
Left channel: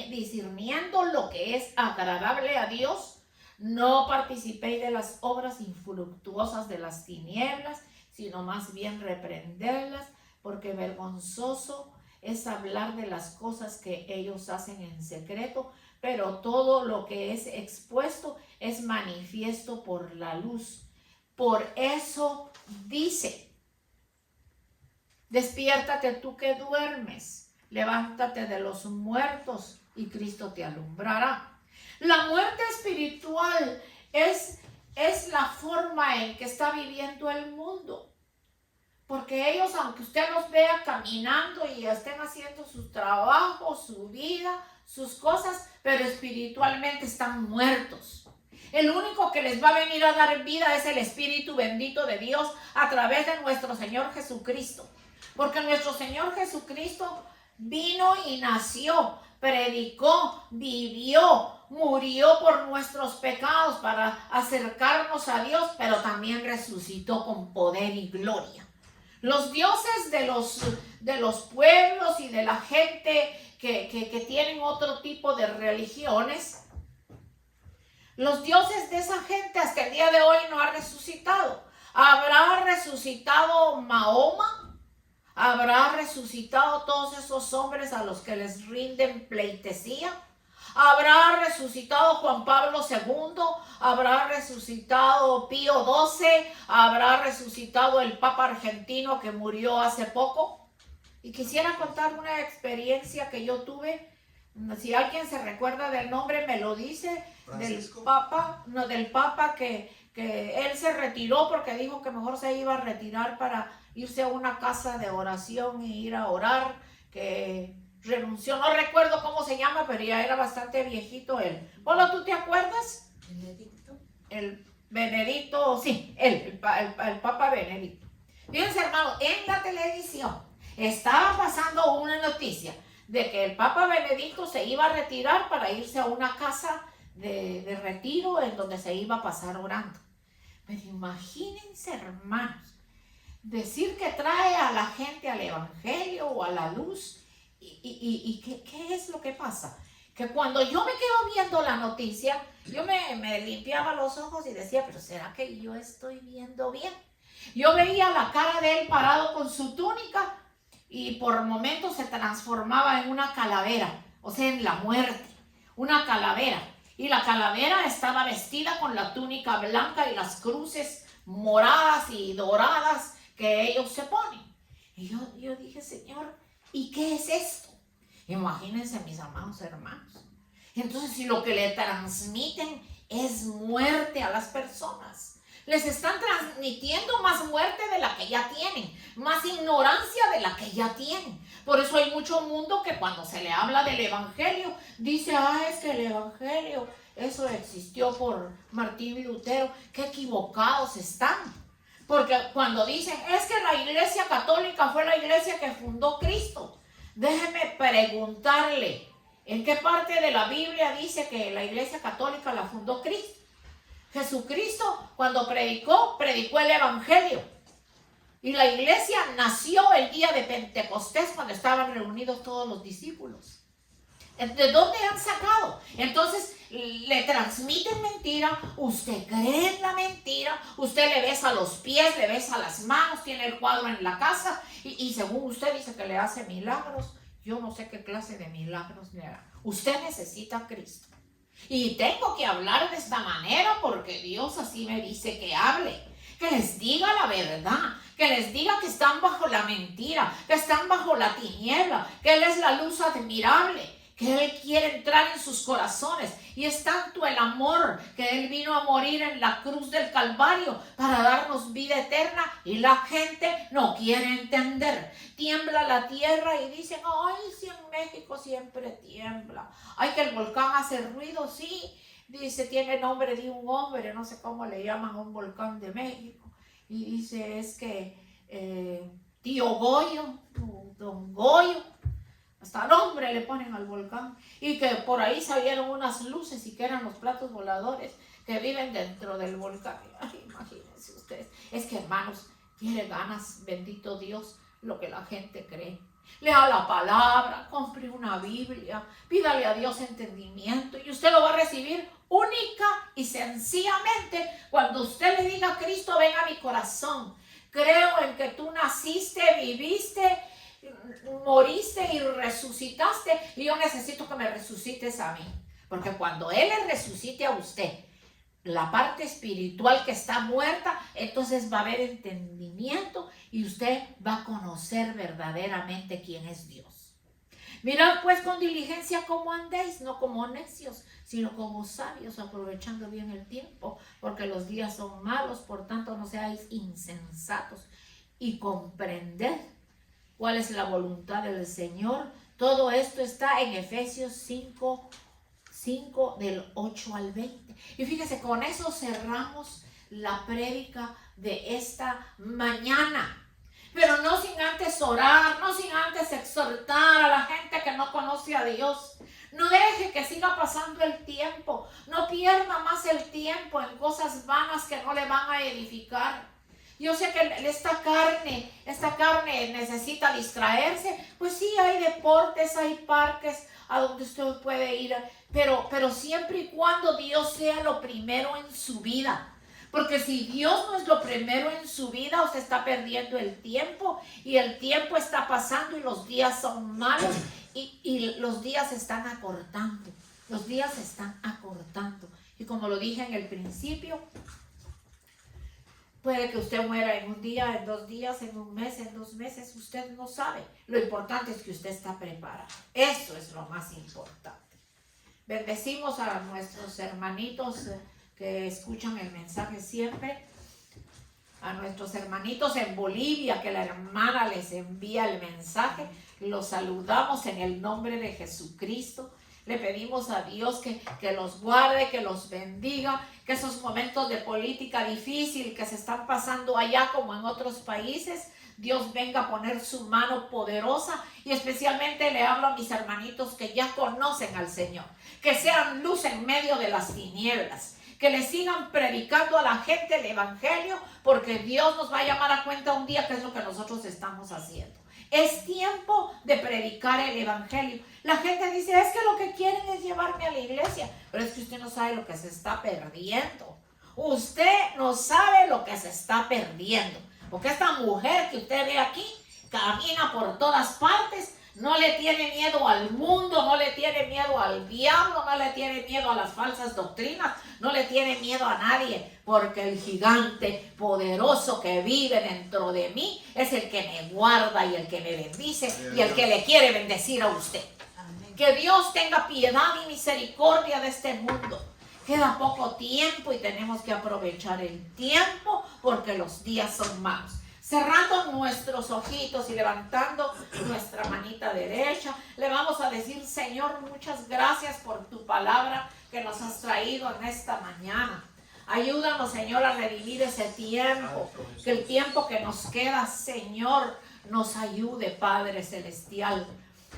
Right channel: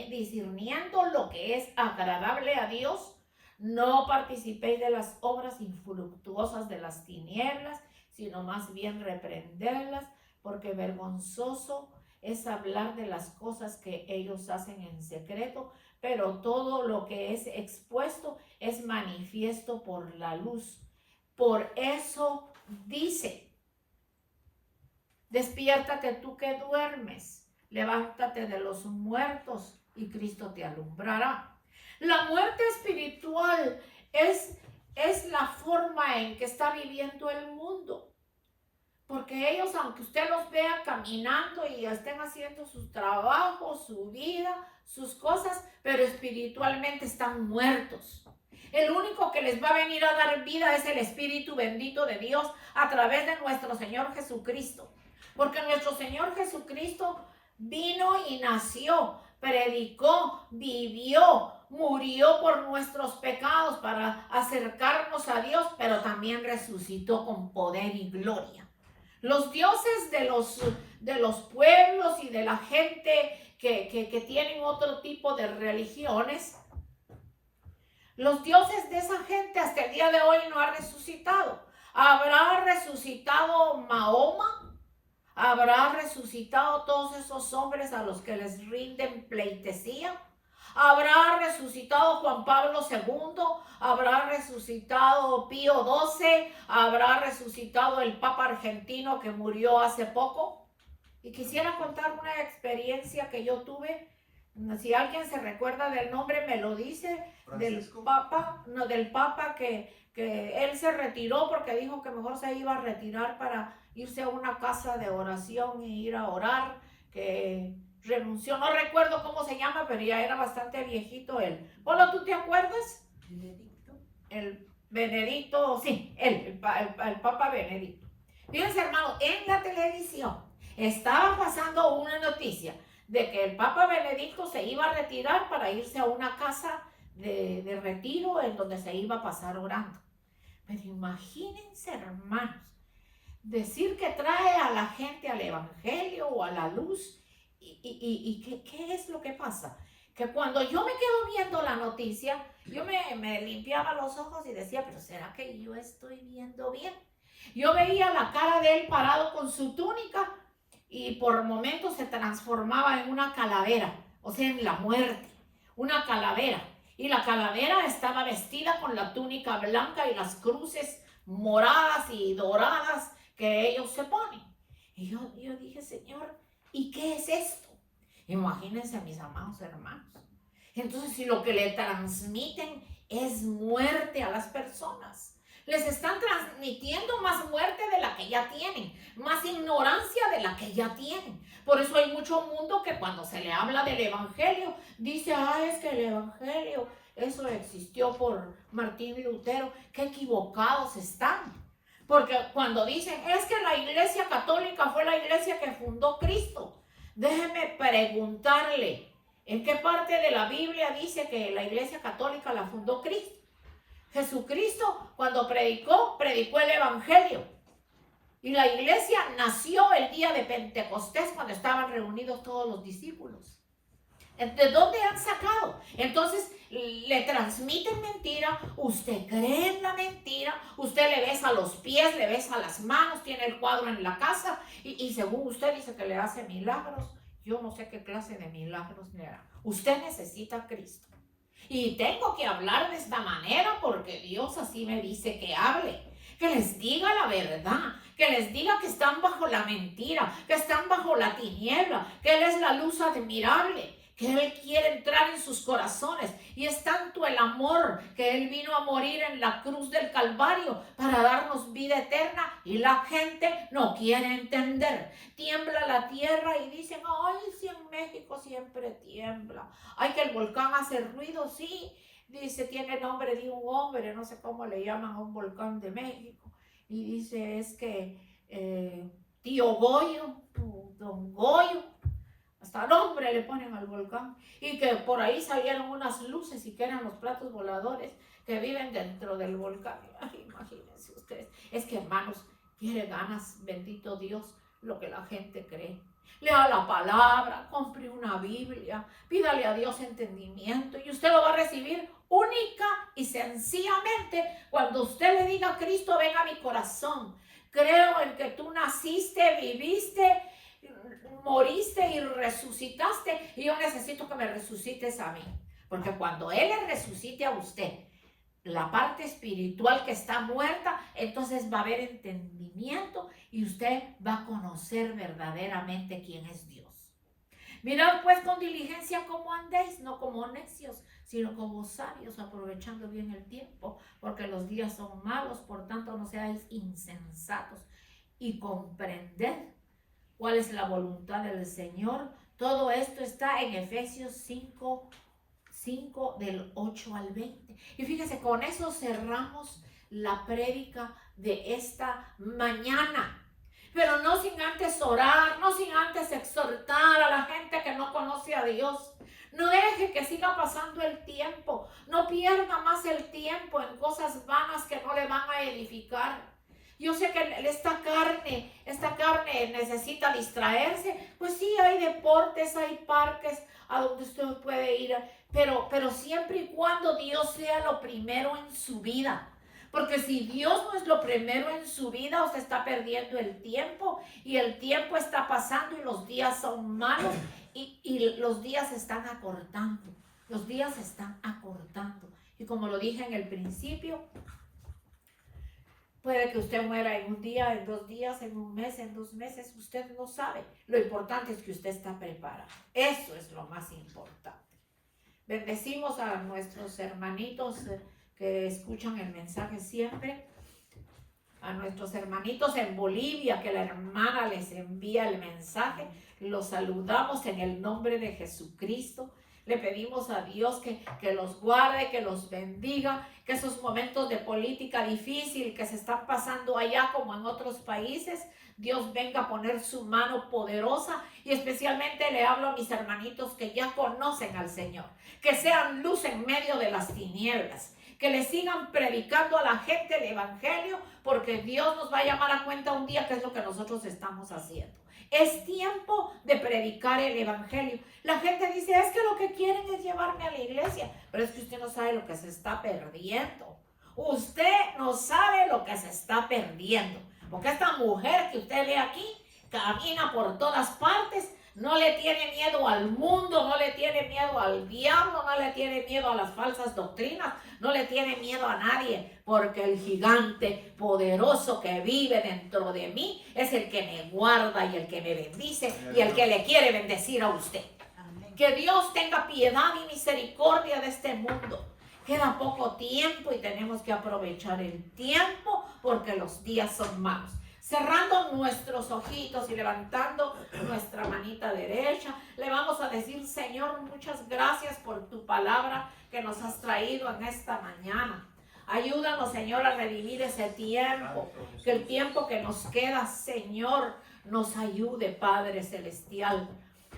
discerniendo lo que es agradable a Dios. No participéis de las obras infructuosas de las tinieblas, sino más bien reprenderlas, porque vergonzoso es hablar de las cosas que ellos hacen en secreto, pero todo lo que es expuesto es manifiesto por la luz. Por eso dice, despiértate tú que duermes, levántate de los muertos y Cristo te alumbrará. La muerte espiritual es la forma en que está viviendo el mundo. Porque ellos, aunque usted los vea caminando y estén haciendo sus trabajos, su vida, sus cosas, pero espiritualmente están muertos. El único que les va a venir a dar vida es el Espíritu bendito de Dios a través de nuestro Señor Jesucristo. Porque nuestro Señor Jesucristo vino y nació, predicó, vivió, murió por nuestros pecados para acercarnos a Dios, pero también resucitó con poder y gloria. Los dioses de los pueblos y de la gente que tienen otro tipo de religiones, los dioses de esa gente hasta el día de hoy no han resucitado. ¿Habrá resucitado Mahoma? ¿Habrá resucitado todos esos hombres a los que les rinden pleitesía? ¿Habrá resucitado Juan Pablo II? ¿Habrá resucitado Pío XII? ¿Habrá resucitado el Papa argentino que murió hace poco? Y quisiera contar una experiencia que yo tuve. Si alguien se recuerda del nombre, me lo dice. Francisco. Del Papa que él se retiró porque dijo que mejor se iba a retirar para irse a una casa de oración y ir a orar, que renunció, no recuerdo cómo se llama, pero ya era bastante viejito él. Polo, ¿tú te acuerdas? Benedicto. El Benedicto, sí, el Papa Benedicto. Fíjense, hermano, en la televisión estaba pasando una noticia de que el Papa Benedicto se iba a retirar para irse a una casa de retiro en donde se iba a pasar orando. Pero imagínense, hermanos, decir que trae a la gente al evangelio o a la luz ¿qué es lo que pasa? Que cuando yo me quedo viendo la noticia, yo me limpiaba los ojos y decía, pero ¿será que yo estoy viendo bien? Yo veía la cara de él parado con su túnica y por momentos se transformaba en una calavera, o sea, en la muerte, una calavera. Y la calavera estaba vestida con la túnica blanca y las cruces moradas y doradas que ellos se ponen. Y yo dije, Señor, ¿y qué es esto? Imagínense, mis amados hermanos. Entonces, si lo que le transmiten es muerte a las personas, les están transmitiendo más muerte de la que ya tienen, más ignorancia de la que ya tienen. Por eso hay mucho mundo que cuando se le habla del evangelio, dice, es que el evangelio, eso existió por Martín Lutero. Qué equivocados están. Porque cuando dicen, es que la iglesia católica fue la iglesia que fundó Cristo. Déjeme preguntarle, ¿en qué parte de la Biblia dice que la iglesia católica la fundó Cristo? Jesucristo, cuando predicó el evangelio. Y la iglesia nació el día de Pentecostés, cuando estaban reunidos todos los discípulos. ¿De dónde han sacado? Entonces le transmiten mentira, usted cree en la mentira, usted le besa los pies, le besa las manos, tiene el cuadro en la casa y según usted dice que le hace milagros. Yo no sé qué clase de milagros le hará. Usted necesita a Cristo. Y tengo que hablar de esta manera porque Dios así me dice que hable. Que les diga la verdad, que les diga que están bajo la mentira, que están bajo la tiniebla, que Él es la luz admirable, que Él quiere entrar en sus corazones. Y es tanto el amor que Él vino a morir en la cruz del Calvario para darnos vida eterna y la gente no quiere entender. Tiembla la tierra y dicen, ay, si en México siempre tiembla. Ay, que el volcán hace ruido, sí. Dice, tiene nombre de un hombre, no sé cómo le llaman a un volcán de México. Y dice, es que tío Goyo, don Goyo, hasta nombre le ponen al volcán. Y que por ahí salieron unas luces y que eran los platos voladores que viven dentro del volcán. Ay, imagínense ustedes. Es que, hermanos, tiene ganas, bendito Dios, lo que la gente cree. Lea la palabra, compre una Biblia, pídale a Dios entendimiento y usted lo va a recibir única y sencillamente cuando usted le diga, Cristo, ven a mi corazón. Creo en que tú naciste, viviste, moriste y resucitaste y yo necesito que me resucites a mí. Porque cuando Él le resucite a usted, la parte espiritual que está muerta, entonces va a haber entendimiento y usted va a conocer verdaderamente quién es Dios. Mirad pues con diligencia cómo andéis, no como necios, sino como sabios, aprovechando bien el tiempo, porque los días son malos, por tanto no seáis insensatos y comprended cuál es la voluntad del Señor. Todo esto está en Efesios 5 del 8 al 20. Y fíjese, con eso cerramos la prédica de esta mañana. Pero no sin antes orar, no sin antes exhortar a la gente que no conoce a Dios. No deje que siga pasando el tiempo. No pierda más el tiempo en cosas vanas que no le van a edificar. Yo sé que esta carne necesita distraerse. Pues sí, hay deportes, hay parques a donde usted puede ir. Pero siempre y cuando Dios sea lo primero en su vida. Porque si Dios no es lo primero en su vida, usted está perdiendo el tiempo. Y el tiempo está pasando y los días son malos. Y los días se están acortando. Los días se están acortando. Y como lo dije en el principio, puede que usted muera en un día, en 2 días, en un mes, en 2 meses. Usted no sabe. Lo importante es que usted está preparado. Eso es lo más importante. Bendecimos a nuestros hermanitos que escuchan el mensaje siempre. A nuestros hermanitos en Bolivia, que la hermana les envía el mensaje. Los saludamos en el nombre de Jesucristo. Le pedimos a Dios que los guarde, que los bendiga, que esos momentos de política difícil que se están pasando allá como en otros países, Dios venga a poner su mano poderosa. Y especialmente le hablo a mis hermanitos que ya conocen al Señor, que sean luz en medio de las tinieblas, que le sigan predicando a la gente el evangelio, porque Dios nos va a llamar a cuenta un día qué es lo que nosotros estamos haciendo. Es tiempo de predicar el evangelio. La gente dice, es que lo que quieren es llevarme a la iglesia. Pero es que usted no sabe lo que se está perdiendo. Usted no sabe lo que se está perdiendo. Porque esta mujer que usted ve aquí camina por todas partes. No le tiene miedo al mundo, no le tiene miedo al diablo, no le tiene miedo a las falsas doctrinas, no le tiene miedo a nadie, porque el gigante poderoso que vive dentro de mí es el que me guarda y el que me bendice y el que le quiere bendecir a usted. Que Dios tenga piedad y misericordia de este mundo. Queda poco tiempo y tenemos que aprovechar el tiempo porque los días son malos. Cerrando nuestros ojitos y levantando nuestra manita derecha, le vamos a decir, Señor, muchas gracias por tu palabra que nos has traído en esta mañana. Ayúdanos, Señor, a redimir ese tiempo, que el tiempo que nos queda, Señor, nos ayude, Padre Celestial,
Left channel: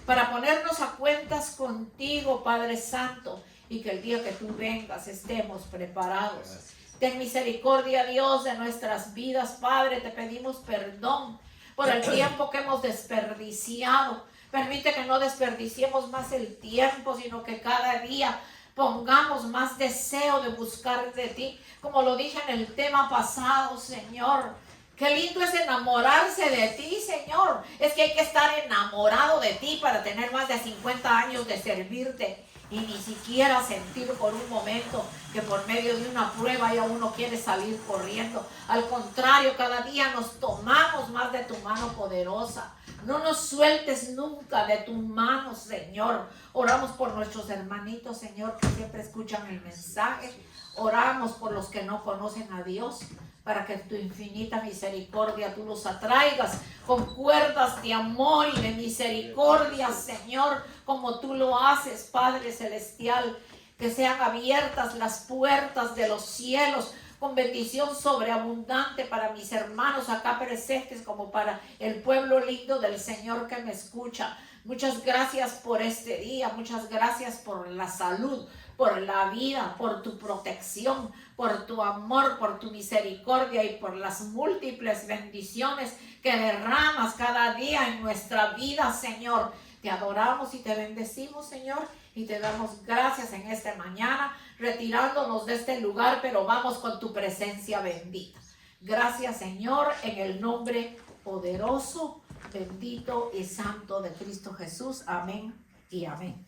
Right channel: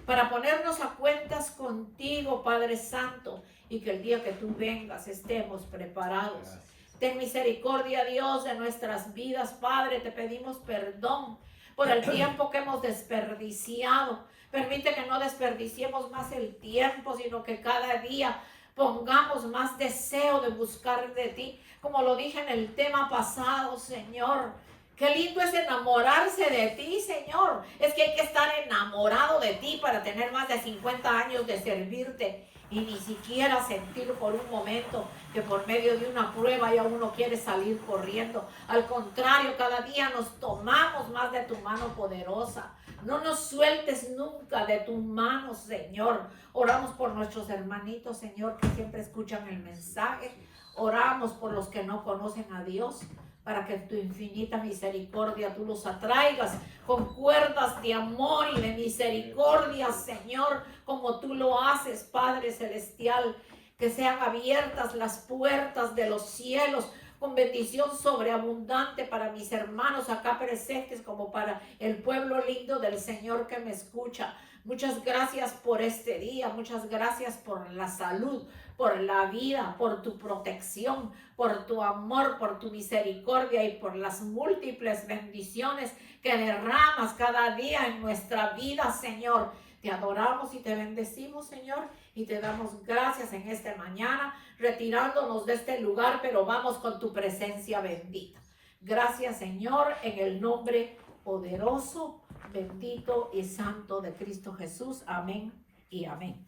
para ponernos a cuentas contigo, Padre Santo, y que el día que tú vengas estemos preparados. Ten misericordia, Dios, de nuestras vidas, Padre. Te pedimos perdón por el tiempo que hemos desperdiciado. Permite que no desperdiciemos más el tiempo, sino que cada día pongamos más deseo de buscar de ti. Como lo dije en el tema pasado, Señor. Qué lindo es enamorarse de ti, Señor. Es que hay que estar enamorado de ti para tener más de 50 años de servirte. Y ni siquiera sentir por un momento que por medio de una prueba ya uno quiere salir corriendo. Al contrario, cada día nos tomamos más de tu mano poderosa. No nos sueltes nunca de tu mano, Señor. Oramos por nuestros hermanitos, Señor, que siempre escuchan el mensaje. Oramos por los que no conocen a Dios, para que tu infinita misericordia tú los atraigas con cuerdas de amor y de misericordia, Señor, como tú lo haces, Padre Celestial. Que sean abiertas las puertas de los cielos con bendición sobreabundante para mis hermanos acá presentes, como para el pueblo lindo del Señor que me escucha. Muchas gracias por este día, muchas gracias por la salud, por la vida, por tu protección, por tu amor, por tu misericordia y por las múltiples bendiciones que derramas cada día en nuestra vida, Señor. Te adoramos y te bendecimos, Señor, y te damos gracias en esta mañana, retirándonos de este lugar, pero vamos con tu presencia bendita. Gracias, Señor, en el nombre poderoso, bendito y santo de Cristo Jesús. Amén y amén.